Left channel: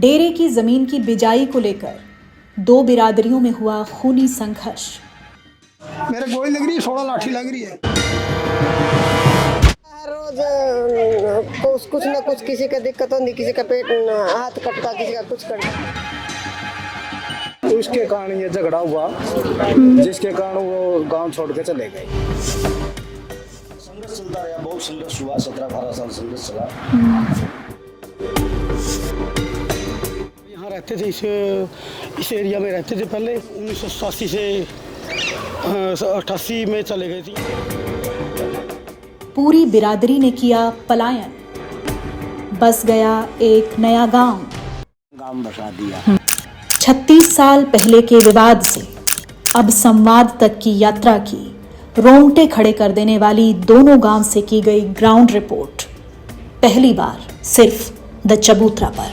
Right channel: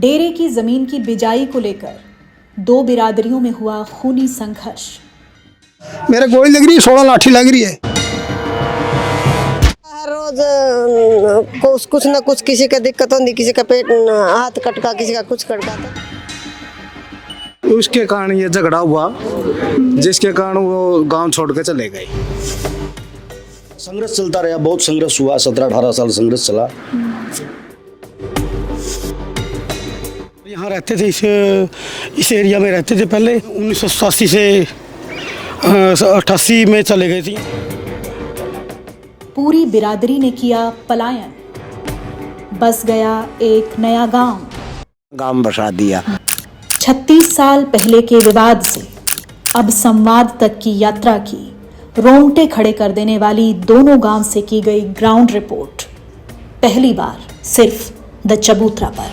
डेरे की जमीन की बिजाई को लेकर दो बिरादरियों में हुआ खूनी संघर्ष। मेरे गोली लग रही है, 16 लाठी लग रही है। हर रोज कुछ ना कुछ किसी का दिक्कत होती, किसी का पेट हाथ कटका, किसी का कुछ कटका। उसके कारण ये झगड़ा हुआ, जिसके कारण वो गांव छोड़ के चले गए। संघर्ष चलता रहा, बहुत संघर्ष हुआ, 17-18 साल संघर्ष चला। यहाँ रहते थे, इस एरिया में रहते थे पहले। 1987 से 88 में चले गए थे। पूरी बिरादरी ने किया पलायन, बस गया एक नया गांव बसा दिया। 36 साल पहले के विवाद से अब संवाद तक की यात्रा की रोंगटे खड़े कर देने वाली दोनों गांव से की गई ग्राउंड रिपोर्ट, पहली बार सिर्फ द चबूतरा पर।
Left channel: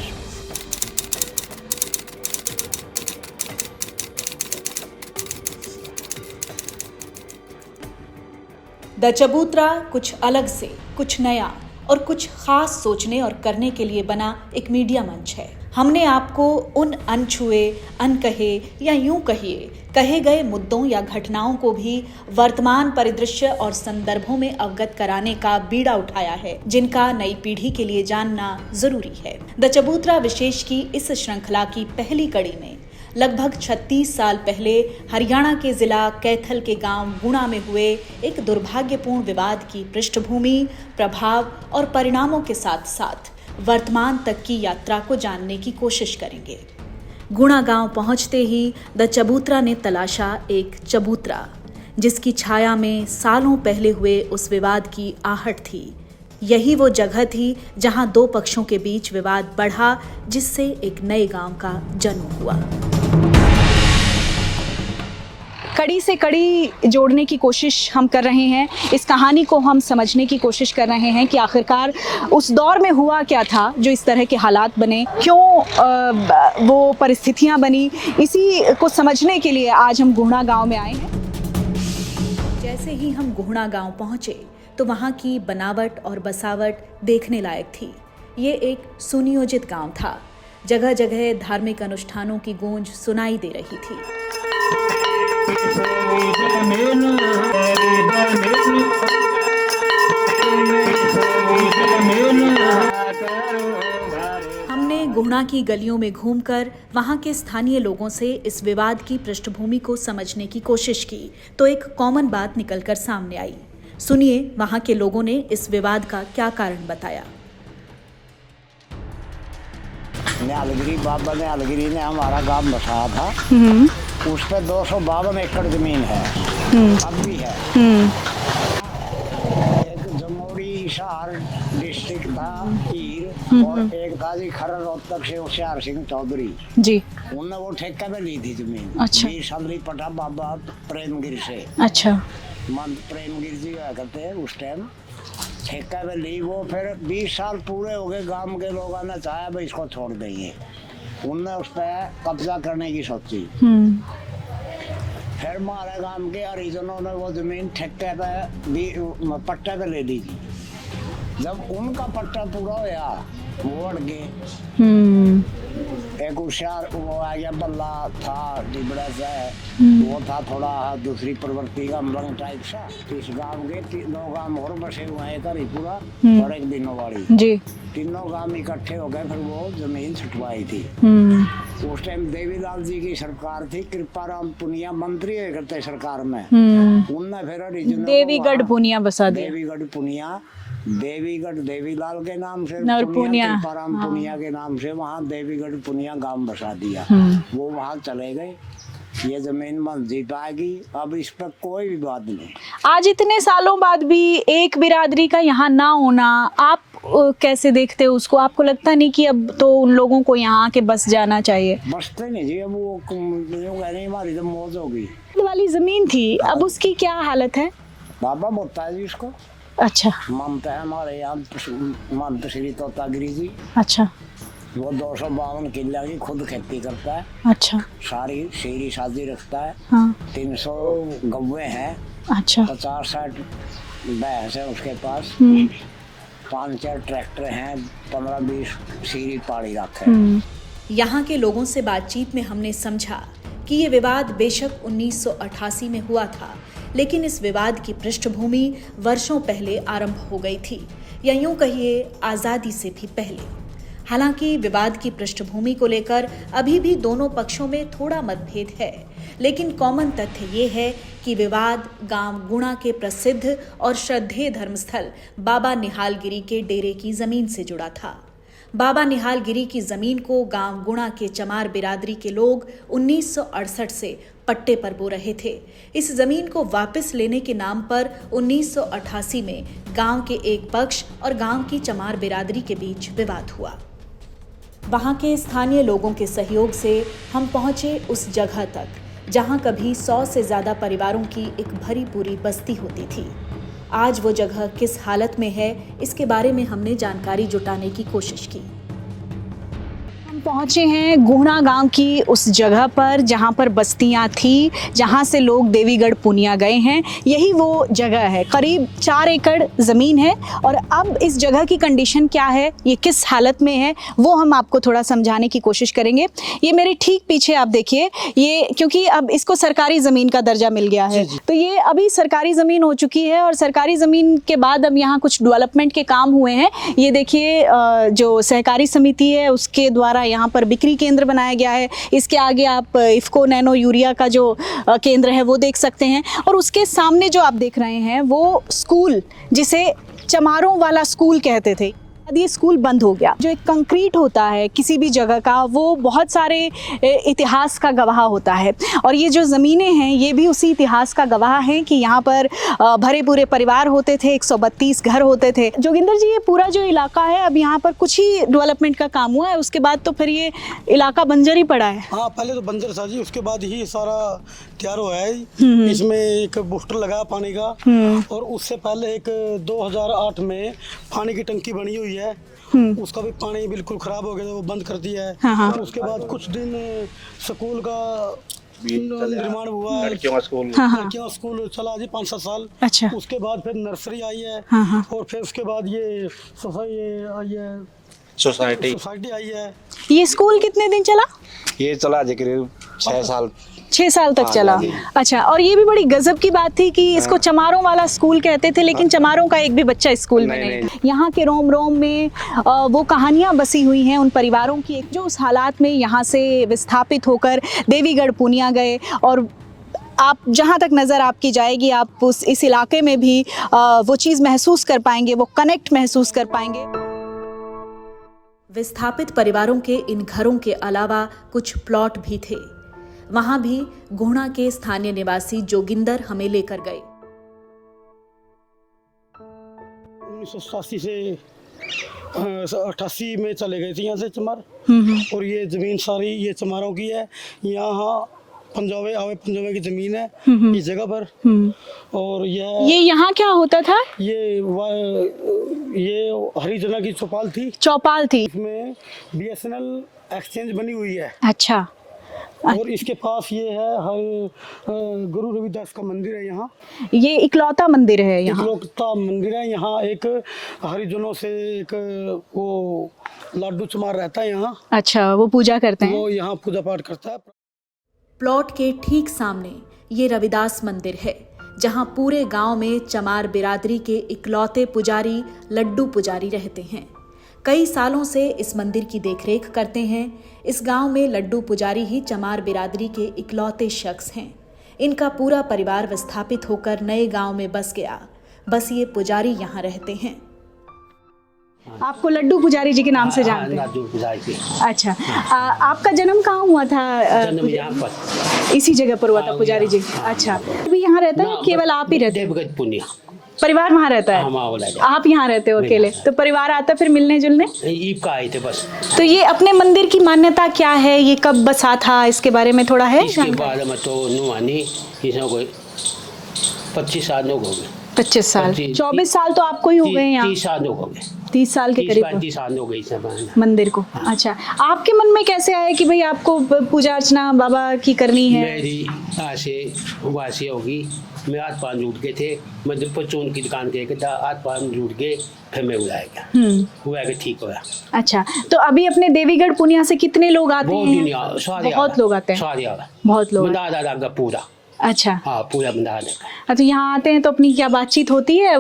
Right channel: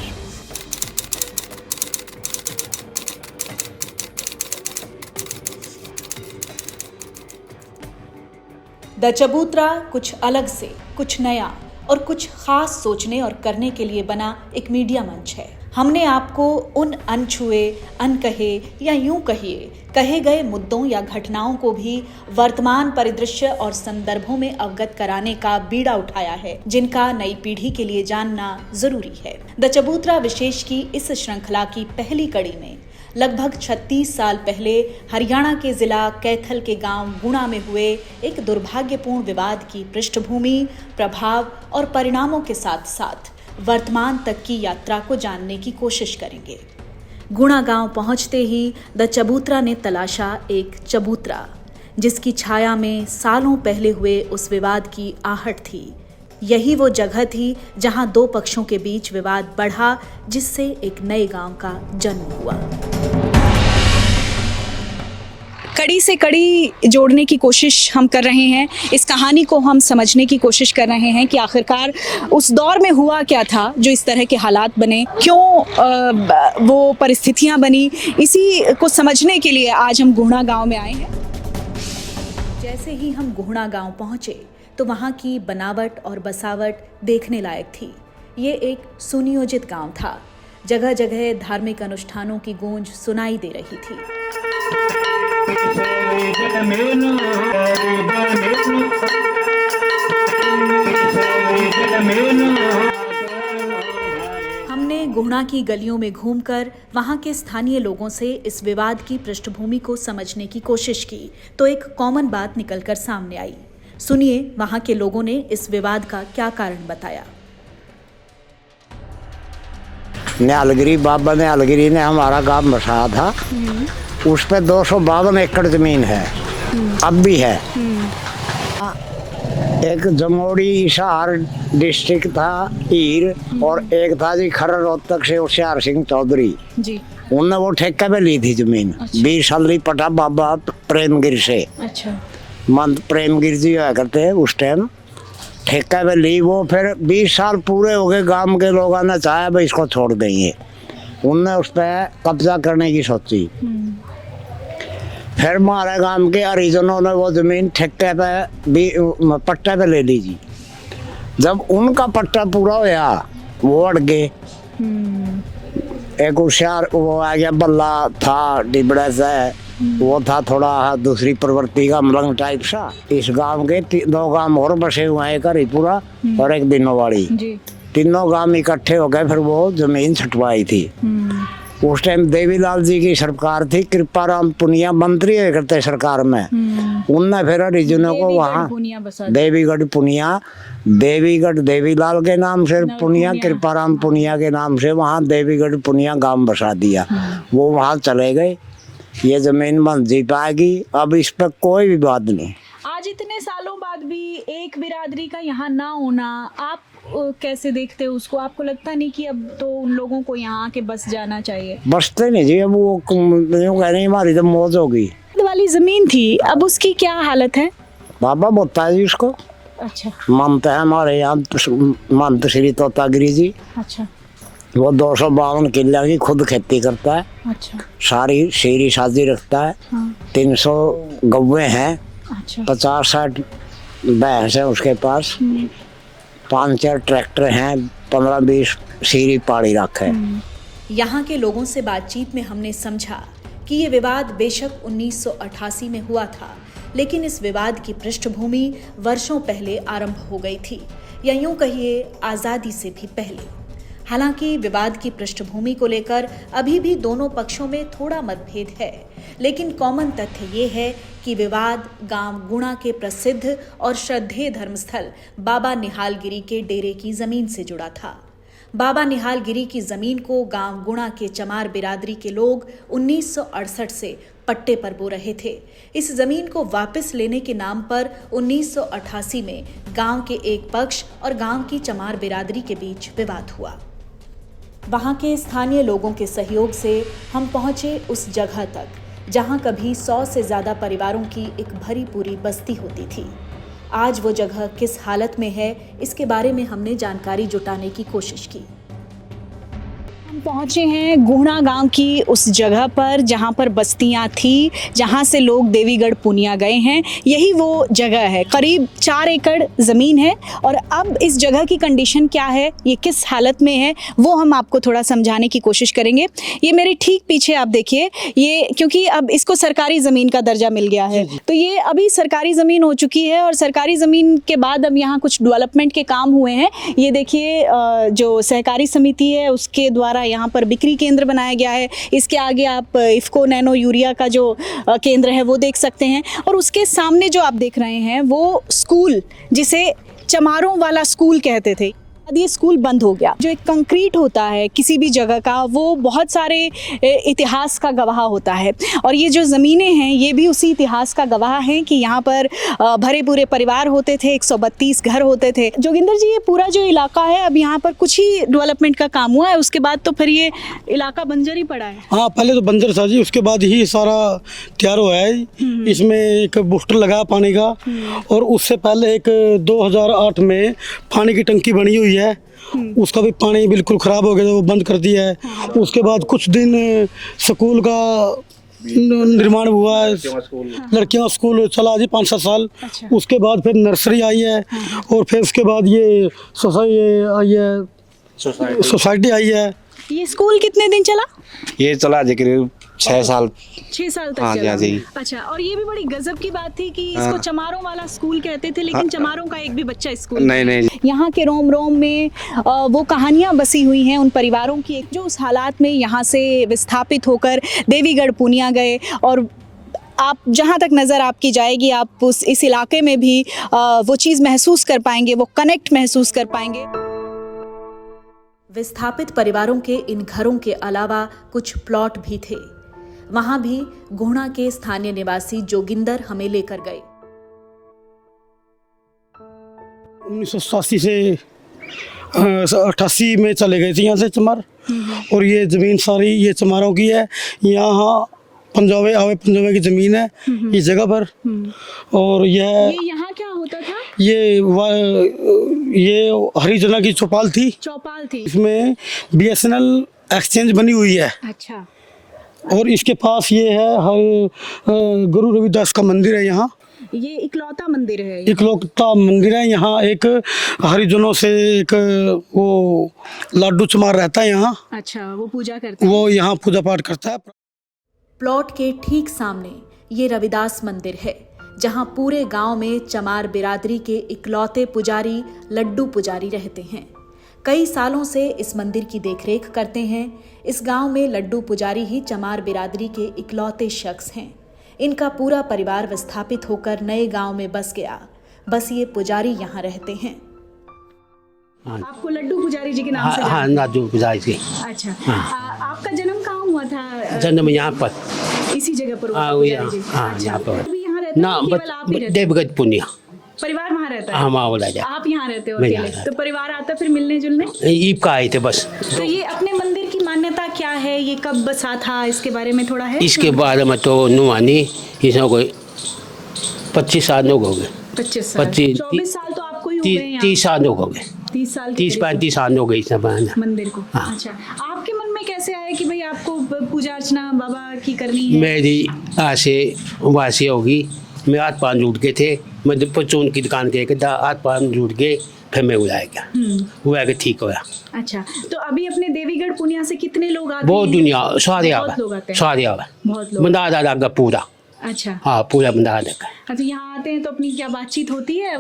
द चबूतरा कुछ अलग से, कुछ नया और कुछ खास सोचने और करने के लिए बना एक मीडिया मंच है। हमने आपको उन अनछुए, अनकहे या यूं कहिए कहे गए मुद्दों या घटनाओं को भी वर्तमान परिदृश्य और संदर्भों में अवगत कराने का बीड़ा उठाया है, जिनका नई पीढ़ी के लिए जानना जरूरी है। द चबूतरा विशेष की इस श्रृंखला की पहली कड़ी में लगभग 36 साल पहले हरियाणा के जिला कैथल के गांव गुणा में हुए एक दुर्भाग्यपूर्ण विवाद की पृष्ठभूमि, प्रभाव और परिणामों के साथ साथ वर्तमान तक की यात्रा को जानने की कोशिश करेंगे। गुणा गांव पहुंचते ही द चबूतरा ने तलाशा एक चबूतरा, जिसकी छाया में सालों पहले हुए उस विवाद की आहट थी। यही वो जगह थी जहां दो पक्षों के बीच विवाद बढ़ा, जिससे एक नए गांव का जन्म हुआ। कड़ी से कड़ी जोड़ने की कोशिश हम कर रहे हैं, इस कहानी को हम समझने की कोशिश कर रहे हैं कि आखिरकार उस दौर में हुआ क्या था जो इस तरह के हालात बने, क्यों वो परिस्थितियां बनी। इसी को समझने के लिए आज हम गुहना गांव में आए हैं। जैसे ही हम गुहना गांव पहुंचे तो वहां की बनावट और बसावट देखने लायक थी। ये एक सुनियोजित गांव था, जगह जगह धार्मिक अनुष्ठानों की गूंज सुनाई दे रही थी। हमने गुहना की गलियों में घूमकर वहां के स्थानीय लोगों से इस विवाद की पृष्ठभूमि को समझने की कोशिश की तो एक कॉमन बात निकलकर सामने आई। सुनिए वहां के लोगों ने इस विवाद का क्या कारण बताया। न्यालगिरी बाबा न्यालगिरी ने हमारा गांव बसाया था। उस पे 252 एकड़ जमीन है, अब भी है। एक जमोड़ी हिसार डिस्ट्रिक्ट था हीर, और एक था जी खरर रोहतक से होशियार सिंह चौधरी जी। उनने वो ठेके पे ली थी जमीन। अच्छा। 20 साल ली पटा बाबा प्रेमगिर से। अच्छा। मंत प्रेमगिर जी हुआ करते उस टाइम, ठेका पे ली वो। फिर 20 साल पूरे हो गए, गांव के लोगों ने चाहा भाई इसको छोड़ देंगे, उनने उस पर कब्जा करने की सोची। फिर हमारे गांव के हरिजनों ने वो जमीन ठेके पे पट्टे पे ले ली जी। जब उनका पट्टा पूरा होया वो अड़ गए। एक होशियार वो आ गया, बल्ला था डिबड़ा से, वो था थोड़ा दूसरी प्रवृत्ति का, मलंग टाइप सा। इस गांव के 2 गांव और बसे हुए हैं, एक हरिपुरा और एक दिनोवाड़ी जी। तीनों गांव इकट्ठे हो गए, फिर वो जमीन छुटवाई थी। उस टाइम देवीलाल जी की सरकार थी, कृपाराम पुनिया मंत्री करते सरकार में। उनने फिर हरिजनों को वहाँ देवीगढ़ पुनिया, देवीगढ़ देवीलाल के नाम से पुनिया, कृपाराम पुनिया के नाम से वहाँ देवीगढ़ पुनिया गांव बसा दिया। वो वहाँ चले गए। ये जमीन मंजी पाएगी, अब इस पर कोई विवाद नहीं। आज इतने सालों बाद भी एक बिरादरी का यहाँ ना होना, आप कैसे देखते हो उसको? आपको लगता नहीं कि अब तो उन लोगों को यहाँ आके बस जाना चाहिए? बसते नहीं जी, अब वो कह रही हमारी तो मौज होगी। वाली जमीन थी, अब उसकी क्या हालत है? बाबा बोलता है जी उसको। अच्छा। मानते हैं हमारे यहाँ महंत श्री तोतागिरी जी। अच्छा। वो 252 किले की खुद खेती करता है। अच्छा। सारी शेरी शादी रखता है। हाँ। 300 गौवे हैं। अच्छा। 50-60 भैंस है उसके पास। 5-4 ट्रैक्टर हैं, 15-20 सीरी पाड़ी रखे। यहाँ के लोगों से बातचीत में हमने समझा कि ये विवाद बेशक 1988 में हुआ था, लेकिन इस विवाद की पृष्ठभूमि वर्षों पहले आरंभ हो गई थी, या यूं कहिए आज़ादी से भी पहले। हालांकि विवाद की पृष्ठभूमि को लेकर अभी भी दोनों पक्षों में थोड़ा मतभेद है, लेकिन कॉमन तथ्य ये है कि विवाद गांव गुणा के प्रसिद्ध और श्रद्धेय धर्मस्थल बाबा निहालगिरी के डेरे की जमीन से जुड़ा था। बाबा निहालगिरी की जमीन को गांव गुणा के चमार बिरादरी के लोग 1968 से पट्टे पर बो रहे थे। इस जमीन को वापस लेने के नाम पर 1988 में गांव के एक पक्ष और गांव की चमार बिरादरी के बीच विवाद हुआ। वहां के स्थानीय लोगों के सहयोग से हम पहुंचे उस जगह तक जहां कभी 100 से ज्यादा परिवारों की एक भरी पूरी बस्ती होती थी। आज वो जगह किस हालत में है, इसके बारे में हमने जानकारी जुटाने की कोशिश की। हम पहुंचे हैं गुणा गांव की उस जगह पर जहां पर बस्तियां थी, जहां से लोग देवीगढ़ पुनिया गए हैं। यही वो जगह है, करीब 4 एकड़ ज़मीन है। और अब इस जगह की कंडीशन क्या है, ये किस हालत में है, वो हम आपको थोड़ा समझाने की कोशिश करेंगे। ये मेरे ठीक पीछे आप देखिए, ये क्योंकि अब इसको सरकारी ज़मीन का दर्जा मिल गया है, तो ये अभी सरकारी ज़मीन हो चुकी है। और सरकारी ज़मीन के बाद अब यहाँ कुछ डेवलपमेंट के काम हुए हैं। ये देखिए जो सहकारी समिति है उसके द्वारा यहाँ पर बिक्री केंद्र बनाया गया है। इसके आगे आप इफ्को नैनो यूरिया का जो केंद्र है वो देख सकते हैं। और उसके सामने जो आप देख रहे हैं वो स्कूल, जिसे चमारों वाला स्कूल कहते थे, ये स्कूल बंद हो गया। जो एक कंक्रीट होता है किसी भी जगह का, वो बहुत सारे इतिहास का गवाह होता है। और ये जो ज़मीनें हैं ये भी उसी इतिहास का गवाह हैं कि यहाँ पर भरे पूरे परिवार होते थे, 132 घर होते थे। जोगिंदर जी, ये पूरा जो इलाका है अब यहाँ पर कुछ ही डेवलपमेंट का काम हुआ है, उसके बाद तो फिर ये इलाका बंजर ही पड़ा है। हाँ, पहले तो बंजर था जी, उसके बाद ही सारा तैयार हुआ है। इसमें एक बूस्टर लगा पानी का, और उससे पहले एक 2008 में पानी की टंकी बनी हुई है। उसका भी पानी बिल्कुल खराब हो गया, वो बंद कर दिया है। हाँ। उसके बाद कुछ दिन स्कूल का निर्माण हुआ है। लड़कियों स्कूल चला जी 5-7 साल। अच्छा। उसके बाद फिर नर्सरी आई है। और फिर उसके बाद ये सोसाइटी आई है। ये स्कूल कितने दिन चला? ये चला जी करीब 6 साल 6 साल तक हाँ, चला। जी। अच्छा, और ये भी बड़ी गजब की बात थी कि इसको चमारों वाला स्कूल कहते थे, लेकिन चमारों का एक भी बच्चा स्कूल नहीं। यहाँ के रोम रोम में वो कहानियाँ बसी हुई हैं उन परिवारों की, जो उस हालात में यहाँ से विस्थापित होकर देवीगढ़ पुनिया गए। और आप जहाँ तक नज़र आपकी जाएगी, आप इस इलाके में भी वो चीज़ महसूस कर पाएंगे, वो कनेक्ट महसूस कर पाएंगे। विस्थापित परिवारों के इन घरों के अलावा कुछ प्लॉट भी थे। वहां भी गुणा के स्थानीय निवासी जोगिंदर हमें लेकर गए। 1987 से 88 में चले गए थे यहाँ से चमार। और ये जमीन सारी ये चमारों की है। यहाँ पंजाबे की जमीन है इस जगह पर। और ये यहाँ क्या होता था? ये हरिजना की चौपाल थी। इसमें BSNL एक्सचेंज बनी हुई है। अच्छा। और इसके पास ये है गुरु रविदास का मंदिर है। यहाँ ये इकलौता मंदिर है। इकलौता मंदिर है। यहाँ एक हरिजनों से एक वो लाडू चमार रहता है यहाँ। अच्छा, वो पूजा करते हैं। वो यहाँ पूजा पाठ करता है। प्लॉट के ठीक सामने ये रविदास मंदिर है, जहां पूरे गांव में चमार बिरादरी के इकलौते पुजारी लड्डू पुजारी रहते हैं। कई सालों से इस मंदिर की देखरेख करते हैं। इस गांव में लड्डू पुजारी ही चमार बिरादरी के इकलौते शख्स हैं। इनका पूरा परिवार विस्थापित होकर नए गांव में बस गया। बस ये पुजारी यहाँ रहते हैं। आपको लड्डू पुजारी जी के नाम से जानते हैं? लड्डू पुजारी जी। अच्छा। आपका जन्म कहाँ हुआ था? जन्म यहाँ पर इसी जगह पर हुआ था पुजारी जी? हाँ, अच्छा। यहाँ पर। अभी यहाँ रहता है, केवल आप ही रहते हैं? देवगढ़ पुनिया परिवार वहाँ रहता है? आप यहाँ रहते हो अकेले? तो परिवार आता फिर मिलने जुलने? ईद का आए थे बस। तो ये अपने मंदिर की मान्यता क्या है? ये कब बसा था, इसके बारे में थोड़ा है? इसके बारे में तो नुआनी इसमें कोई 25 साल हो गए। 25 साल? 24 साल तो आपको ही हो गए यहाँ? 30 साल हो गए। 30 साल के 30-35 साल हो गई सब मंदिर को। हाँ। अच्छा, आपके मन में कैसे आया कि भाई आपको पूजा अर्चना बाबा की करनी है? मेरी आसे वासी होगी। मैं हाथ पाँव जुट के थे। मैं परचून की दुकान के हाथ पाँव जुट के फिर मैं उड़ा गया, हुआ कि ठीक हुआ। अच्छा, तो अभी अपने देवीगढ़ पुनिया से कितने लोग आते बहुत हैं? दुनिया सारे बहुत लोग आते हैं। सारे आवे, बहुत लोग। बंदा का पूरा। अच्छा। हाँ, पूरा बंदा का। अच्छा, यहाँ आते हैं तो अपनी क्या बातचीत होती है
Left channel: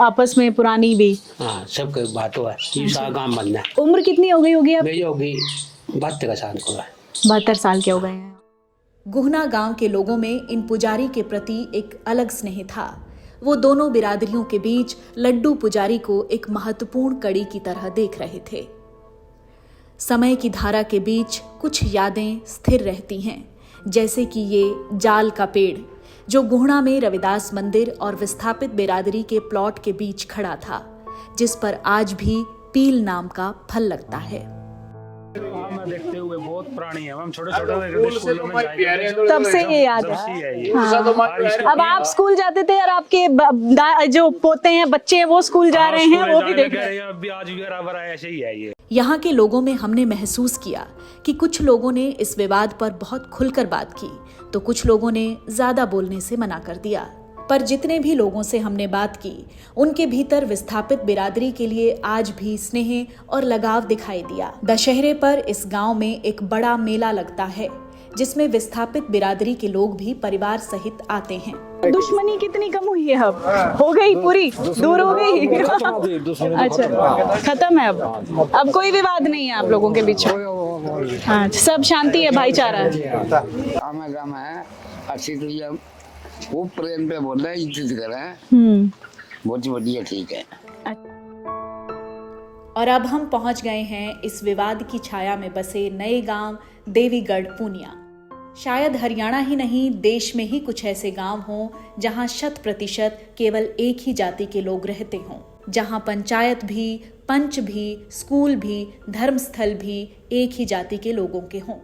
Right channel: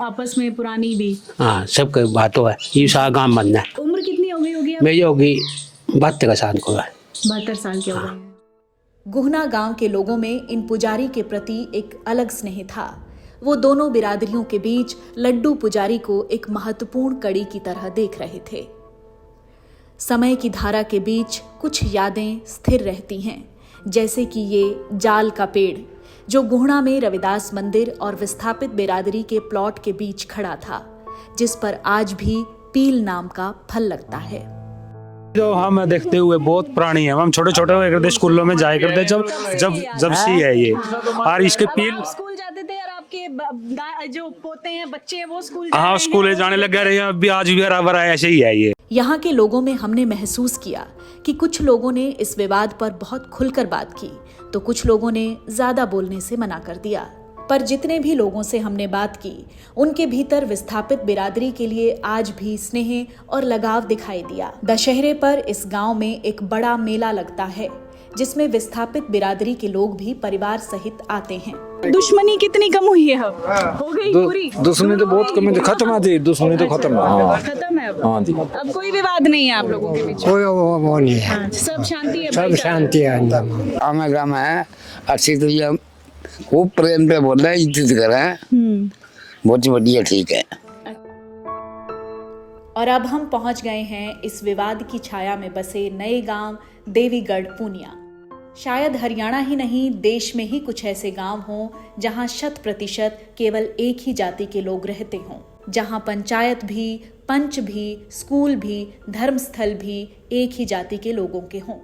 आपस में, पुरानी भी? हाँ, सब की बात है, ये सारा गाँव बनना है। उम्र कितनी हो गई होगी अब? मेरी होगी 72 साल को है। 72 साल के हो गए हैं। गुहना गांव के लोगों में इन पुजारी के प्रति एक अलग स्नेह था। वो दोनों बिरादरियों के बीच लड्डू पुजारी को एक महत्वपूर्ण कड़ी की तरह देख रहे थे। समय की धारा के बीच कुछ यादें स्थिर रहती हैं, जैसे कि ये जाल का पेड़ जो गुहना में रविदास मंदिर और विस्थापित बिरादरी के प्लॉट के बीच खड़ा था, जिस पर आज भी पील नाम का फल लगता है। जो हम देखते हुए बहुत पुरानी है, हम छोटे छोटे हुए करते स्कूलों में जाए करते जब से है ये। और इसके अब आप स्कूल जाते थे और आपके जो पोते हैं, बच्चे हैं, वो स्कूल जा रहे हैं? स्कूल जाने लग गए हैं, अभी आज भी बराबर है, ऐसे ही है ये। यहाँ के लोगों में हमने महसूस किया कि कुछ लोगों ने इस विवाद पर बहुत खुलकर बात की, तो कुछ लोगों ने ज्यादा बोलने से मना कर दिया। पर जितने भी लोगों से हमने बात की, उनके भीतर विस्थापित बिरादरी के लिए आज भी स्नेह और लगाव दिखाई दिया। दशहरे पर इस गांव में एक बड़ा मेला लगता है, जिसमें विस्थापित बिरादरी के लोग भी परिवार सहित आते हैं। दुश्मनी कितनी कम हुई है अब? हो गई पूरी? दुश्मनी तो बहुत खत्म है जी, दुश्मनी तो खत्म है अब कोई विवाद नहीं है आप लोगों के बीच? वो नहीं है, हाँ, सब शांति है, भाईचारा। हमें काम है अच्छी तो वो प्रेम पे बोल रहे हैं, इज्जत कर रहे हैं, बहुत बढ़िया, ठीक है। और अब हम पहुंच गए हैं इस विवाद की छाया में बसे नए गांव देवीगढ़ पुनिया। शायद हरियाणा ही नहीं, देश में ही कुछ ऐसे गांव हों जहां 100% केवल एक ही जाति के लोग रहते हों, जहां पंचायत भी, पंच भी, स्कूल भी, धर्मस्थल भी एक ही जाति के लोगों के हों।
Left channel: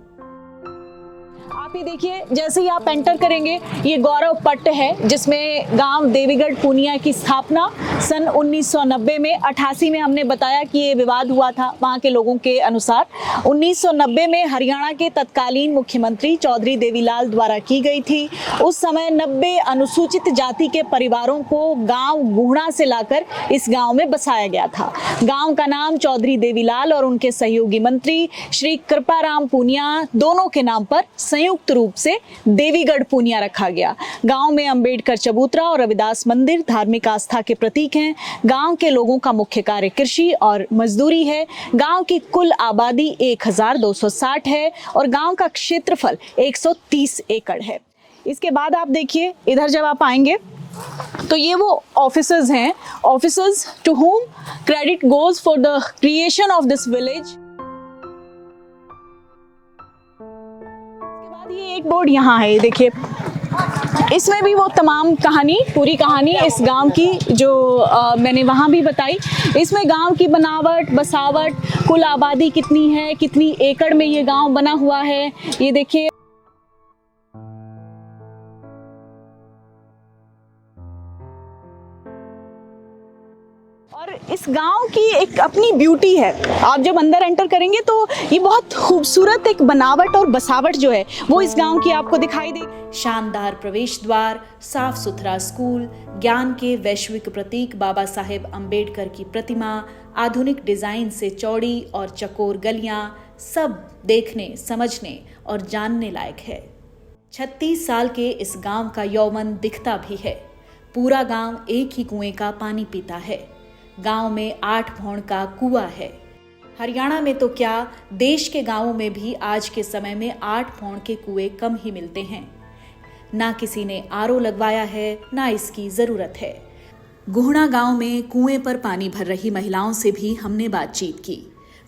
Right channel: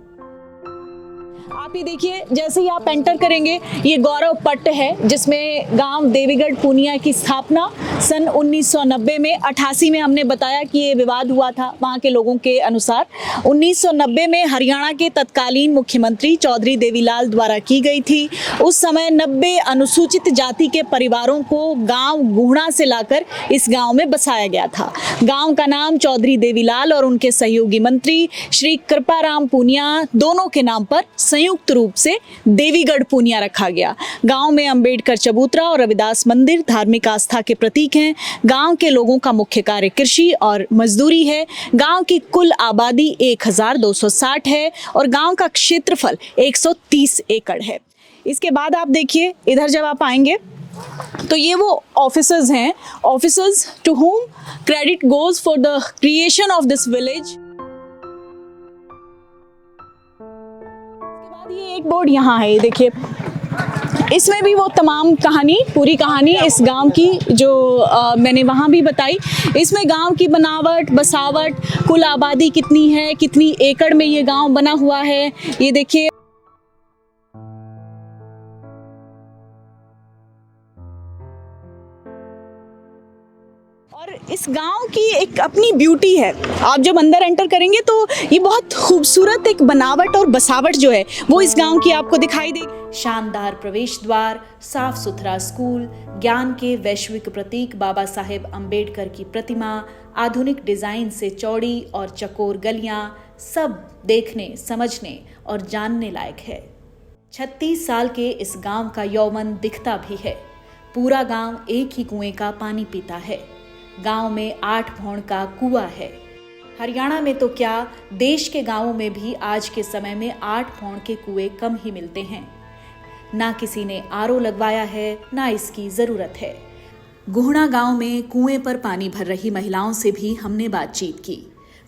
आप ये देखिए, जैसे ही आप एंटर करेंगे, ये गौरव पट्ट है जिसमें गांव देवीगढ़ पुनिया की स्थापना सन 1990 में 88 में हमने बताया कि ये विवाद हुआ था वहाँ के लोगों के अनुसार। 1990 में हरियाणा के तत्कालीन मुख्यमंत्री चौधरी देवीलाल द्वारा की गई थी। उस समय 90 अनुसूचित जाति के परिवारों को गांव गुहना से लाकर इस गांव में बसाया गया था। गांव का नाम चौधरी देवीलाल और उनके सहयोगी मंत्री श्री कृपाराम पुनिया दोनों के नाम पर संयुक्त रूप से देवीगढ़ पुनिया रखा गया। गांव में अंबेडकर चबूतरा और रविदास मंदिर धार्मिक आस्था के प्रतीक हैं। गांव के लोगों का मुख्य कार्य कृषि और मजदूरी है। गांव की कुल आबादी 1260 है और गांव का क्षेत्रफल 130 एकड़ है। इसके बाद आप देखिए, इधर जब आप आएंगे तो ये वो ऑफिसर्स हैं, officers to whom credit goes for the creation of this village. ये एक बोर्ड यहाँ है, देखिए, इसमें भी वो तमाम कहानी, पूरी कहानी इस गांव की जो मैंने वहाँ भी बताई। इसमें गांव की बनावट, बसावट, कुल आबादी कितनी है, कितनी एकड़ में ये गांव बना हुआ है, ये देखिए। और इस गांव की एक अपनी ब्यूटी है। आप जब अंदर एंटर करेंगे तो ये बहुत खूबसूरत एक बनावट और बसावट जो है वो इस गांव की आपको दिखाई देगी। शानदार प्रवेश द्वार, साफ सुथरा स्कूल, ज्ञान के वैश्विक प्रतीक बाबा साहेब अंबेडकर की प्रतिमा, आधुनिक डिजाइन से चौड़ी और चकोर गलियां, सब देखने, समझने और जानने लायक है। 36 साल के इस गांव का यौवन दिखता भी है। पूरा गांव एक ही कुएं का पानी पीता है। गांव में 8 भौण का कुआं है। हरियाणा में तो क्या, देश के गांवों में भी आज के समय में 8 भौण के कुएं कम ही मिलते हैं। ना किसी ने आरओ लगवाया है, ना इसकी जरूरत है। गुहना गांव में कुएं पर पानी भर रही महिलाओं से भी हमने बातचीत की।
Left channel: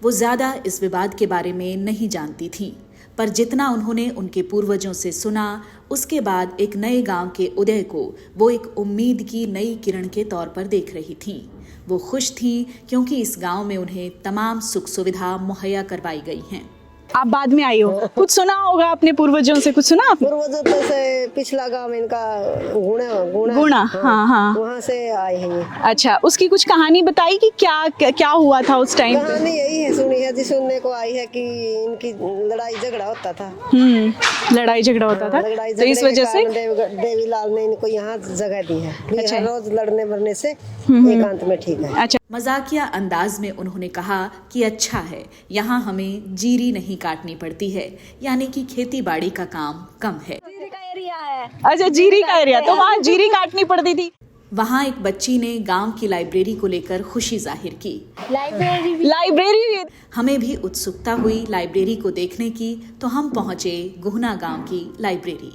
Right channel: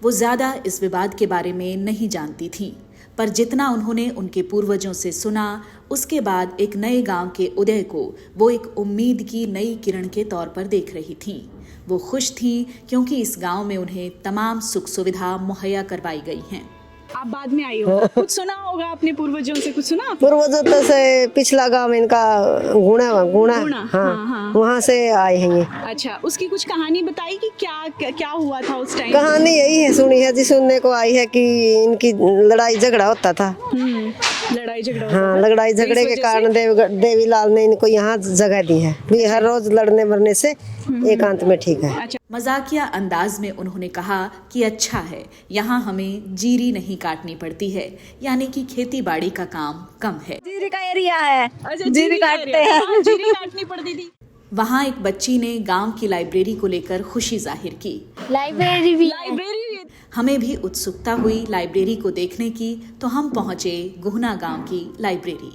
वो ज्यादा इस विवाद के बारे में नहीं जानती थीं, पर जितना उन्होंने उनके पूर्वजों से सुना, उसके बाद एक नए गांव के उदय को वो एक उम्मीद की नई किरण के तौर पर देख रही थीं। वो खुश थीं क्योंकि इस गांव में उन्हें तमाम सुख सुविधा मुहैया करवाई गई हैं। आप बाद में आई हो, कुछ सुना होगा अपने पूर्वजों से, कुछ सुना? पूर्वजों तो से पिछला गांव इनका गुणा, हाँ। वहाँ से आए हैं ये। अच्छा, उसकी कुछ कहानी बताई कि क्या हुआ था उस टाइम? कहानी यही है, सुनी है जी, सुनने को आई है कि इनकी लड़ाई झगड़ा होता था। लड़ाई झगड़ा होता था। लड़ाई झगड़े के कारण देवीलाल ने इनको यहाँ जगह दी है। हर रोज लड़ने मरने से एकांत में ठीक है। अच्छा, मजाकिया अंदाज में उन्होंने कहा कि अच्छा है, यहाँ हमें जीरी नहीं काटनी पड़ती है, यानी कि खेती बाड़ी का काम कम है। जीरी का एरिया है। अच्छा, जीरी का एरिया, तो वहाँ जीरी काटनी पड़ती थी। वहाँ एक बच्ची ने गांव की लाइब्रेरी को लेकर खुशी जाहिर की। लाइब्रेरी हमें भी उत्सुकता हुई लाइब्रेरी को देखने की, तो हम पहुंचे गुहना गांव की लाइब्रेरी।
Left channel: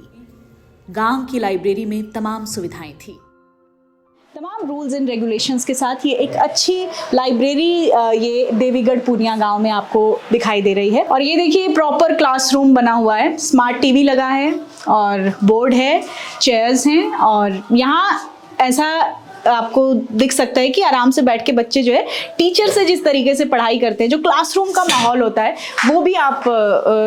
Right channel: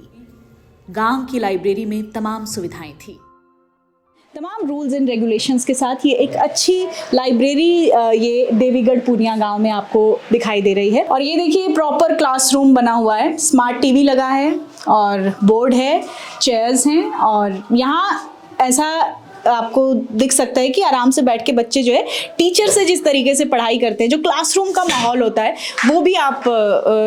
गांव की लाइब्रेरी में तमाम सुविधाएं थी। तमाम रूल्स एंड रेगुलेशंस के साथ ये एक अच्छी लाइब्रेरी ये देवीगढ़ पूनिया गांव में आपको दिखाई दे रही है। और ये देखिए प्रॉपर क्लासरूम बना हुआ है, स्मार्ट टीवी लगा है और बोर्ड है, चेयर्स हैं और यहाँ ऐसा आपको दिख सकता है कि आराम से बैठ के बच्चे जो है टीचर से जिस तरीके से पढ़ाई करते हैं, जो क्लासरूम का माहौल होता है वो भी आप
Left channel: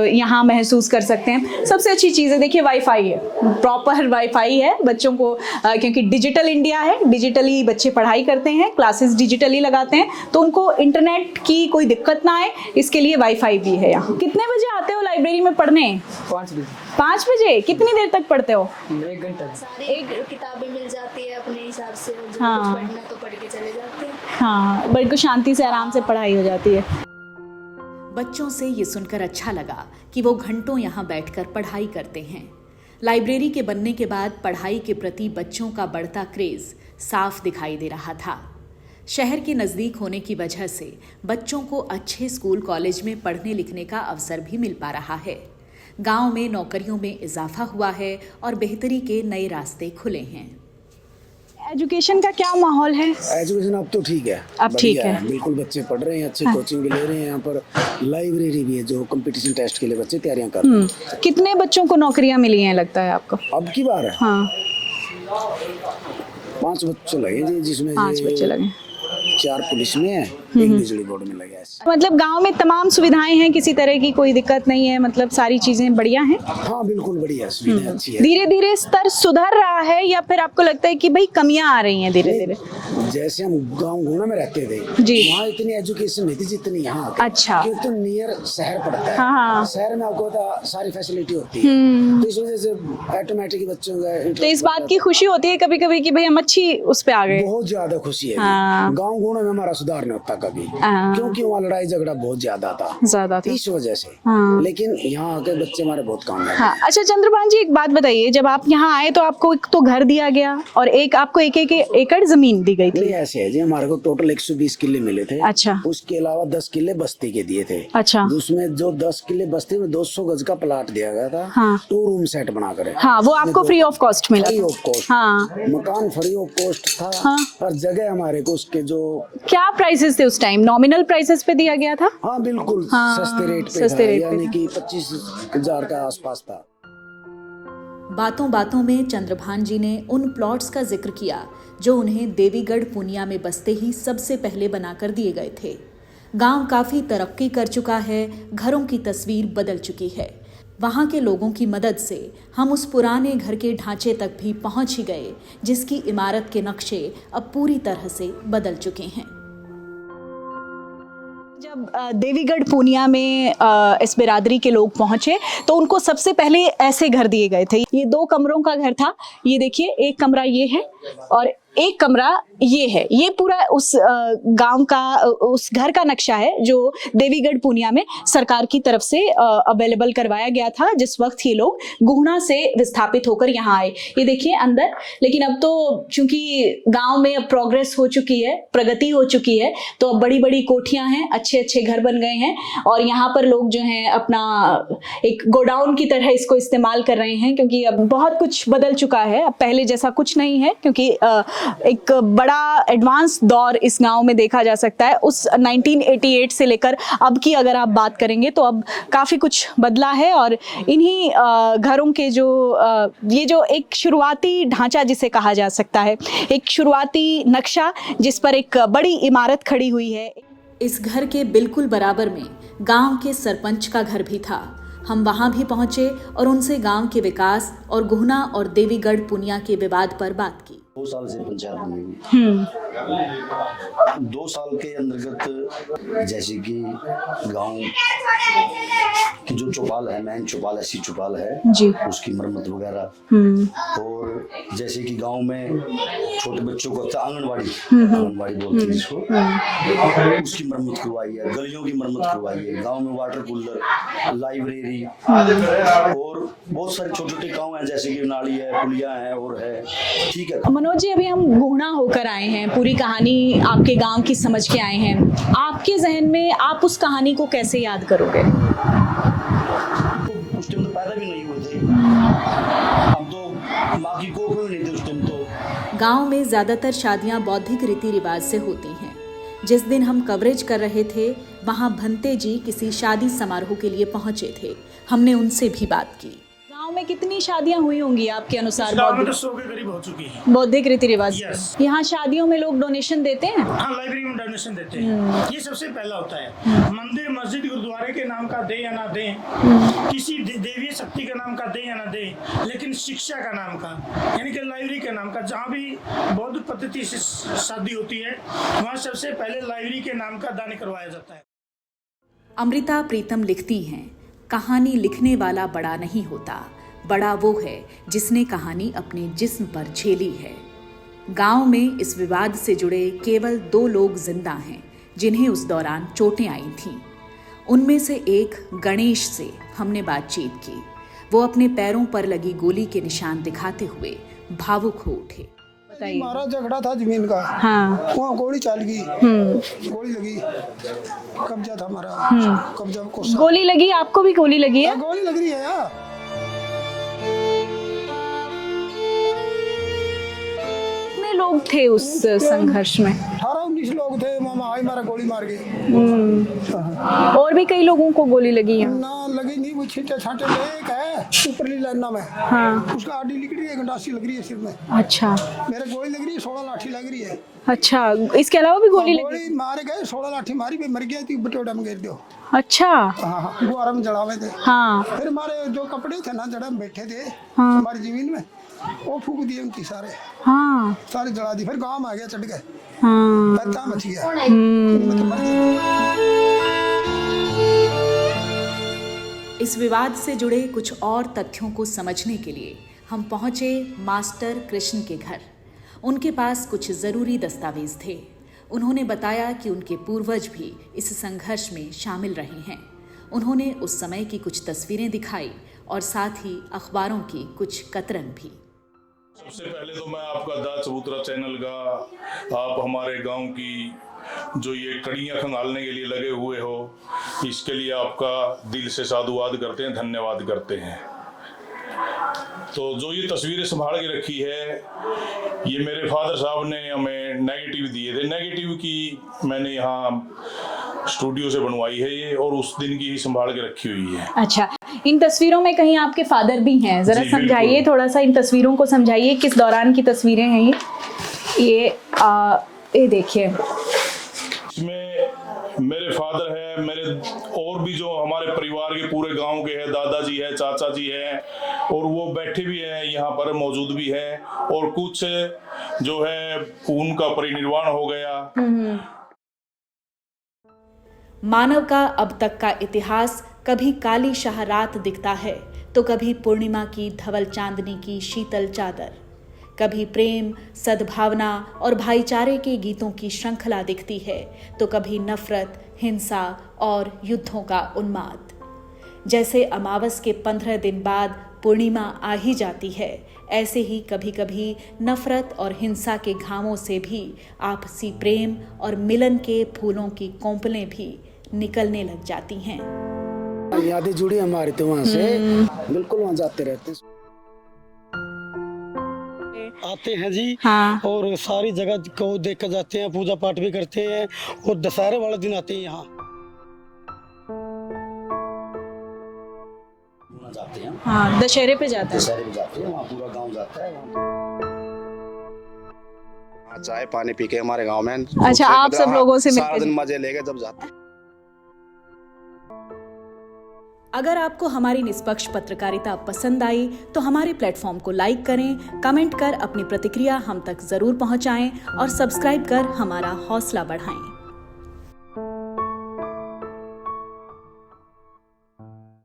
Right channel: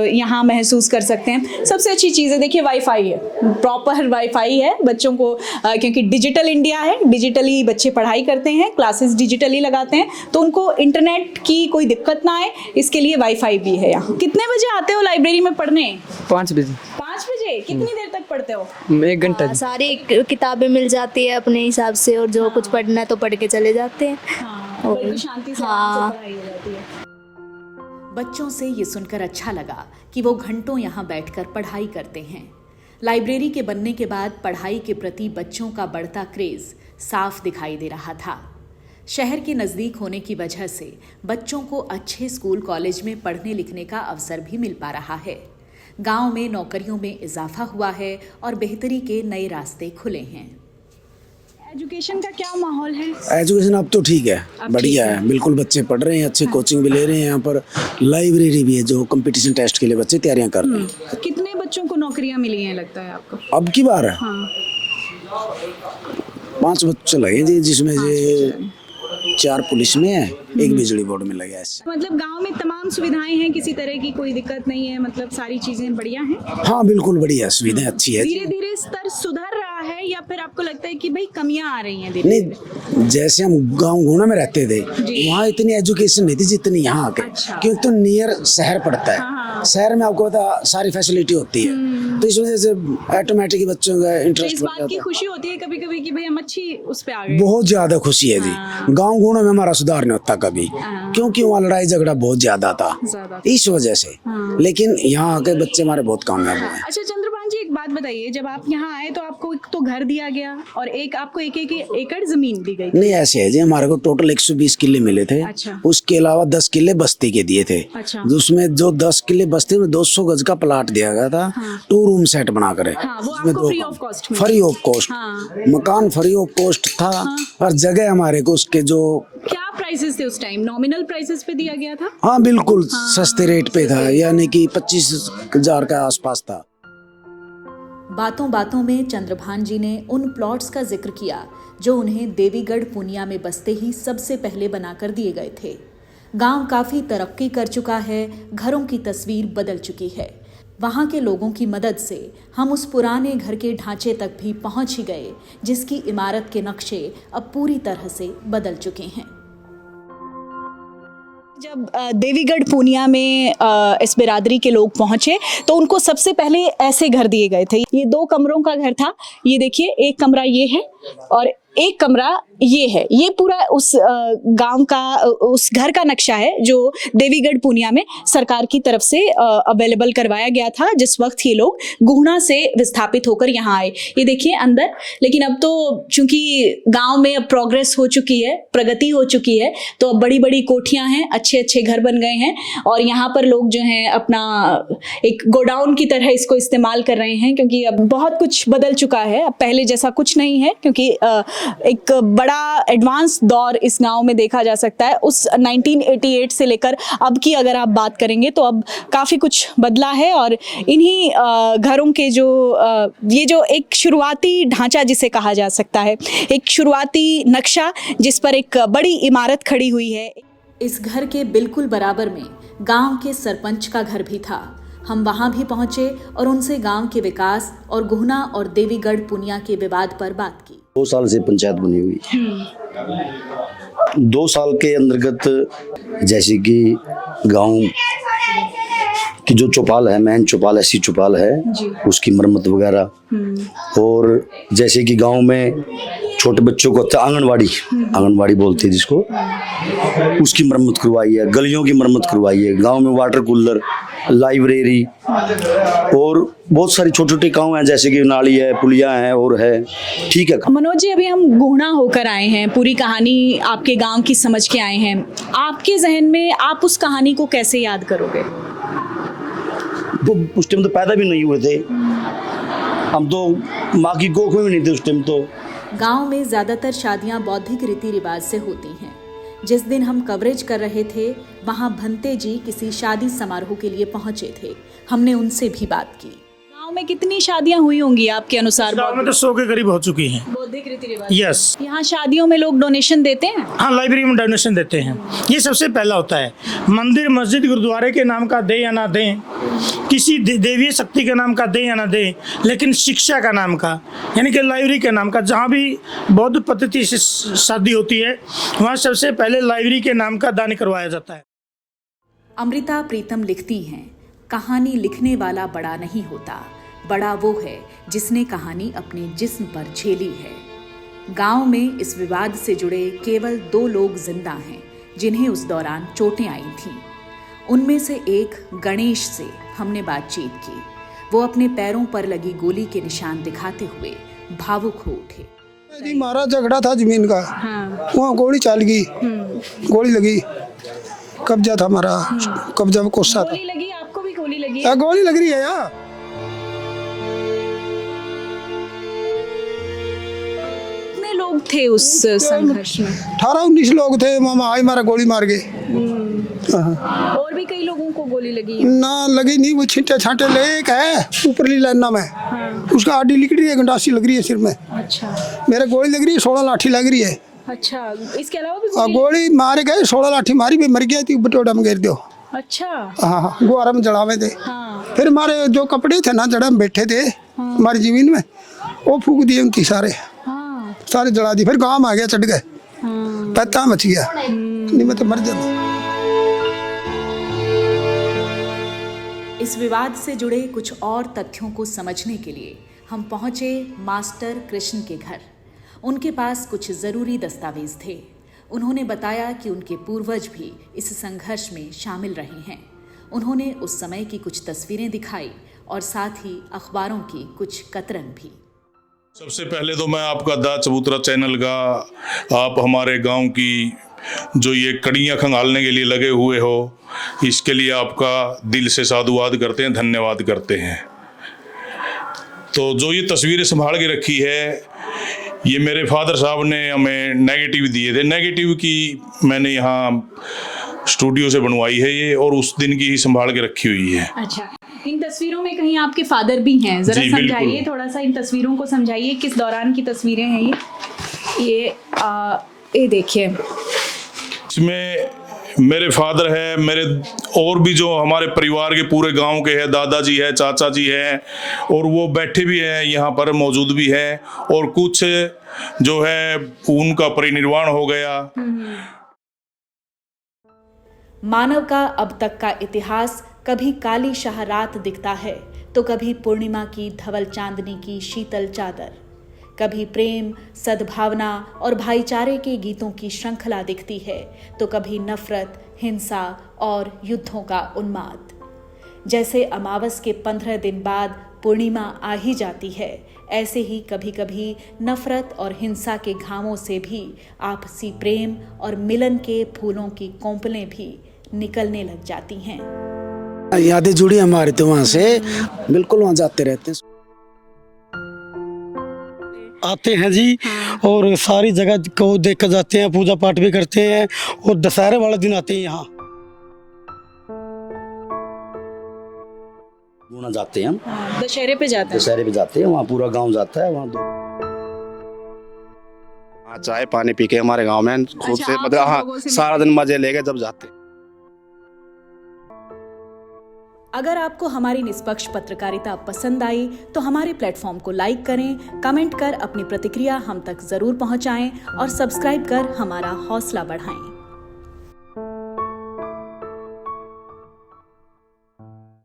यहाँ महसूस कर सकते हैं। सबसे अच्छी चीज़ है देखिए वाईफाई है, प्रॉपर वाईफाई है बच्चों को, क्योंकि डिजिटल इंडिया है, डिजिटली बच्चे पढ़ाई करते हैं, क्लासेस डिजिटली लगाते हैं, तो उनको इंटरनेट की कोई दिक्कत ना आए इसके लिए वाईफाई भी है यहाँ। कितने बजे आते हो लाइब्रेरी में पढ़ने? 5 बजे। 5 बजे? कितनी देर तक पढ़ते हो? 1 घंटा। सारी किताबें मिल जाती है अपने हिसाब से, और जो कुछ पढ़ना है तो पढ़ के चले जाते हैं। हाँ, बड़ी को शांति से आराम से पढ़ाई हो जाती है। बच्चों से ये सुनकर अच्छा लगा कि वो घंटों यहाँ बैठकर पढ़ाई करते हैं। लाइब्रेरी के बनने के बाद पढ़ाई के प्रति बच्चों का बढ़ता क्रेज साफ दिखाई दे रहा था। शहर के नज़दीक होने की वजह से बच्चों को अच्छे स्कूल कॉलेज में पढ़ने लिखने का अवसर भी मिल पा रहा है। गांव में नौकरियों में इजाफा हुआ है और बेहतरी के नए रास्ते खुले हैं। एजुकेशन का क्या माहौल है? एजुकेशन अब तो ठीक है, बढ़िया है, बिल्कुल बच्चे पढ़ रहे हैं, अच्छी कोचिंग भी ले रहे हैं। यहाँ पर लाइब्रेरी भी है जो कंपटीशन टेस्ट के लिए बच्चे तैयारियां कर रहे हैं। कितने बच्चों को नौकरियां मिली हैं लगता है आपको? अब की बार है हाँ, 5 बच्चे लगे जी, जिसमें 5 बच्चे लगे। 4 पुलिस में है, 1 बिजली बोर्ड में लगा है। मतलब गांव में तमाम सुविधाएं हैं, किसी तरह की कोई दिक्कत नहीं है, मतलब सारी चीजें बढ़िया हैं। हाँ बिल्कुल बढ़िया, सुविधाएं अच्छी है। धीरे धीरे स्तर सुधर रहा है या फिर आपको लगता है कि भाई कमियां आ रही हैं धीरे धीरे? जैसे हम गांव गुना में रहते थे वहाँ इतनी एजुकेशन नहीं थी जितनी यहाँ के। अच्छा। क्योंकि तो नियर शहर पड़ता है। हाँ। शहर में आपको पता सारी फैसिलिटी होती है, तो इस वजह से ऑटोमेटिक बच्चों का तो इंटरेस्ट। इस बात की खुशी होती है कभी कभी कि भाई हम अच्छी उस पे आ गए। बहुत ज्यादा खुशी है जी। गाँव गुना में हमारा सुधार नहीं होता कभी, क्योंकि वहाँ लड़ाई झगड़ा बहुत ज्यादा था इस वजह से। लेकिन यहाँ आके बच्चे हमारे बहुत कामयाब हैं। अच्छा चंद्रभान जी, एक बात बताइए, जब आप यहाँ आए तो आपको एक तो घर दिया गया और एक आपको एक एकड़ जमीन दी गई थी? नहीं ऐसे है जी, हमारे को टोटल 120 किले मिले थे। अच्छा। उसके अलावा 10 किले बस्ती के दिए थे। अच्छा। उसमें जो 10 किले बस्ती में 200 गज का प्लाट दिया गया था। हाँ। 2 रूम सेट बनाकर। हाँ, वो आपको फ्री ऑफ कॉस्ट में? Free of cost. हाँ। मकान फ्री ऑफ कॉस्ट था। हाँ। और जगह हमारे को उसके जो क्या प्राइसेस थे उस टाइम? नॉमिनल प्राइसेस पे दिया गया था? हाँ बिल्कुल। हाँ, सस्ते रेट पे था, यानी कि 25,000 के आसपास था। बातों बातों में चंद्रभान जी ने उन प्लॉट्स का जिक्र किया जो उन्हें देवीगढ़ पूनिया में बसते ही सबसे पहले बनाकर दिए गए थे। गांव काफी तरक्की कर चुका है, घरों की तस्वीर बदल चुकी है। वहां के लोगों की मदद से हम उस पुराने घर के ढांचे तक भी पहुंच ही गए, जिसकी इमारत के नक्शे अब पूरी तरह से बदल चुके हैं। जब देवीगढ़ पूनिया में इस बिरादरी के लोग पहुंचे तो उनको सबसे पहले ऐसे घर दिए गए थे। ये 2 कमरों का घर था। ये देखिए, एक कमरा ये है और एक कमरा ये है। ये पूरा उस गांव का, उस घर का नक्शा है जो देवीगढ़ पूनिया में सरकार की तरफ से अवेलेबल करवाया गया था जिस वक्त ये लोग गुहना से विस्थापित होकर यहाँ आए। ये देखिए अंदर। लेकिन अब तो चूंकि गांव में अब प्रोग्रेस हो चुकी है, प्रगति हो चुकी है, तो अब बड़ी बड़ी कोठियां हैं, अच्छे अच्छे घर बन गए हैं और यहाँ पर लोग जो हैं अपना एक गोडाउन की तरह इसको इस्तेमाल कर रहे हैं, क्योंकि अब बहुत कुछ बदल चुका है। अब पहले जैसा कुछ नहीं है, क्योंकि एक बड़ा एडवांस दौर इस गांव में देखा जा सकता है। उस 1988 से लेकर अब की अगर आप बात करेंगे तो अब काफ़ी कुछ बदला है और इन्हीं घरों के जो ये जो एक शुरुआती ढांचा जिसे कहा जा सकता है, एक शुरुआती नक्शा जिस पर एक बड़ी इमारत खड़ी हुई है। इस घर के बिल्कुल बराबर में गांव के सरपंच का घर भी था। हम वहां भी पहुंचे और उनसे गांव के विकास और गुहना और देवीगढ़ पूनिया के विवाद पर बात की। 2 साल से पंचायत बनी हुई। 2 साल के अंतर्गत जैसे कि गांव की जो चौपाल है, मेन चौपाल, ऐसी चौपाल है, उसकी मरम्मत वगैरह, और जैसे कि गांव में छोटे बच्चों को आंगनवाड़ी बोलते हैं जिसको, उसकी मरम्मत करवाई है, गलियों की मरम्मत करवाई है, गांव में वाटर कूलर, लाइब्रेरी और बहुत सारी छोटे छोटे काम हैं, जैसे कि नाली है, पुलिया है और है। ठीक है मनोज जी, अभी हम गुहना होकर आए हैं, पूरी कहानी आपके गांव की समझ के आए हैं। आपके जहन में आप उस कहानी को कैसे याद करोगे? तो उस टाइम तो पैदा भी नहीं हुए थे हम, तो माँ की कोख में भी नहीं थे उस टाइम। तो गांव में ज्यादातर शादियां बौद्धिक रीति रिवाज से होती हैं। जिस दिन हम कवरेज कर रहे थे, वहां भंते जी किसी शादी समारोह के लिए पहुंचे थे। हमने उनसे भी बात की। गांव में कितनी शादियां हुई होंगी आपके अनुसार? गांव में तो 100 के करीब हो चुकी हैं बौद्धिक रीति रिवाज। यस। यहाँ शादियों में लोग डोनेशन देते हैं? हाँ, लाइब्रेरी में डोनेशन देते हैं। ये सबसे पहला होता है। मंदिर, मस्जिद, गुरुद्वारे के नाम का दे या ना दे, किसी देवी शक्ति के नाम का दे या ना दे, लेकिन शिक्षा का नाम का, यानी कि लाइब्रेरी के नाम का, जहाँ भी बौद्ध पद्धति से शादी होती है वहाँ सबसे पहले लाइब्रेरी के नाम का दान करवाया जाता है। अमृता प्रीतम लिखती हैं, कहानी लिखने वाला बड़ा नहीं होता, बड़ा वो है जिसने कहानी अपने जिस्म पर झेली है। गांव में इस विवाद से जुड़े केवल 2 लोग जिंदा हैं जिन्हें उस दौरान चोटें आई थीं। उनमें से एक गणेश से हमने बातचीत की। वो अपने पैरों पर लगी गोली के निशान दिखाते हुए भावुक हो उठे। हमारा झगड़ा था जमीन का। हाँ। वहाँ गोली चल गई, गोली लगी, कब्जा था हमारा, कब्जा में कोसा। गोली लगी? आपको भी गोली लगी है? गोली लग रही है यहाँ। कितने लोग थे उस संघर्ष में? 18-19 लोग थे। मामा आई मारा गोली मार गए। और भी कई लोगों को गोली लगी है? ना लगी नहीं, वो छिंटे छाटे ले एक है ऊपरली लाइना में। हाँ। उसका आडी लिख रही है, गंडासी लग रही है सिर में। अच्छा। मेरे गोली लग रही है, 16 लाठी लग रही है। अच्छा, इसके अलावा भी गोली मारे गए, 16 लाठी मारी, भी मर गया थी, बटोड़ा में गिर दो। अच्छा। हाँ, गुआरा में जड़ावे थे। हाँ। फिर हमारे जो कपड़े थे ना, जड़ा में बैठे थे हमारी जमीन में, वो फूक दिए उनकी सारे। हाँ। सारे जला दिए। फिर गांव में आ गया, चढ़ गए। हाँ। पता मच गया, नहीं मैं तो मर जाता। इस विवाद से जुड़े कुछ और तथ्यों को समझने के लिए हम पहुंचे मास्टर कृष्ण के घर। उनके पास कुछ जरूरी दस्तावेज थे। उन्होंने बताया कि उनके पूर्वज भी इस संघर्ष में शामिल रहे हैं। उन्होंने उस समय की कुछ तस्वीरें दिखाई और साथ ही अखबारों की कुछ कतरन भी। सबसे पहले तो मैं आपका दा चबूतरा चैनल का, आप हमारे गांव की जो ये कड़ियाँ खंगालने के लिए लगे हुए हो, इसके लिए आपका दिल से साधुवाद करते हैं, धन्यवाद करते हैं। तो जो ये तस्वीरें संभाल के रखी है, ये मेरे फादर साहब ने हमें नेगेटिव दिए थे। नेगेटिव की मैंने यहाँ स्टूडियो से बनवाई है ये, और उस दिन की ही संभाल के रखी हुई है। अच्छा, इन तस्वीरों में कहीं आपके फादर भी हैं? जरा समझाइए, थोड़ा सा इन तस्वीरों को समझाइए, किस दौरान की तस्वीरें हैं ये देखिए। इसमें मेरे फादर है, मेरे और भी जो हमारे परिवार के पूरे गांव के हैं, दादाजी है, चाचा जी हैं, और वो बैठे भी हैं यहाँ पर, मौजूद भी हैं, और कुछ जो है उनका परिनिर्वाण हो गया। मानव का अब तक का इतिहास कभी काली शाह रात दिखता है, तो कभी पूर्णिमा की धवल चांदनी की शीतल चादर, कभी प्रेम, सद्भावना और भाईचारे के गीतों की श्रृंखला दिखती है, तो कभी नफरत, हिंसा और युद्धों का उन्माद। जैसे अमावस के 15 दिन बाद पूर्णिमा आ ही जाती है, ऐसे ही कभी कभी नफरत और हिंसा के घावों से भी आपसी प्रेम और मिलन के फूलों की कोंपलें भी निकलने लग जाती हैं। यादें जुड़ी हमारी तो वहाँ से, बिल्कुल वहाँ जाते रहते हैं। आते हैं जी। हाँ। और सारी जगह को देख कर जाते हैं, पूजा पाठ भी करते हैं, और दशहरे वाला दिन आते हैं यहाँ। जाते हैं हम। हाँ, दशहरे पे जाते हैं। दशहरे पे जाते हैं, वहाँ पूरा गांव जाता है। वहाँ चाय पानी पी के हमारे गांव में अच्छा, आप सब लोगों से सारा दिन मजे लेके जब जाते हैं। अगर आपको हमारी निष्पक्ष पत्रकारिता पसंद आई तो हमारे प्लेटफॉर्म को लाइक करें, कमेंट कर अपनी प्रतिक्रिया हम तक जरूर पहुंचाएं और सब्सक्राइब कर हमारा हौसला बढ़ाएं।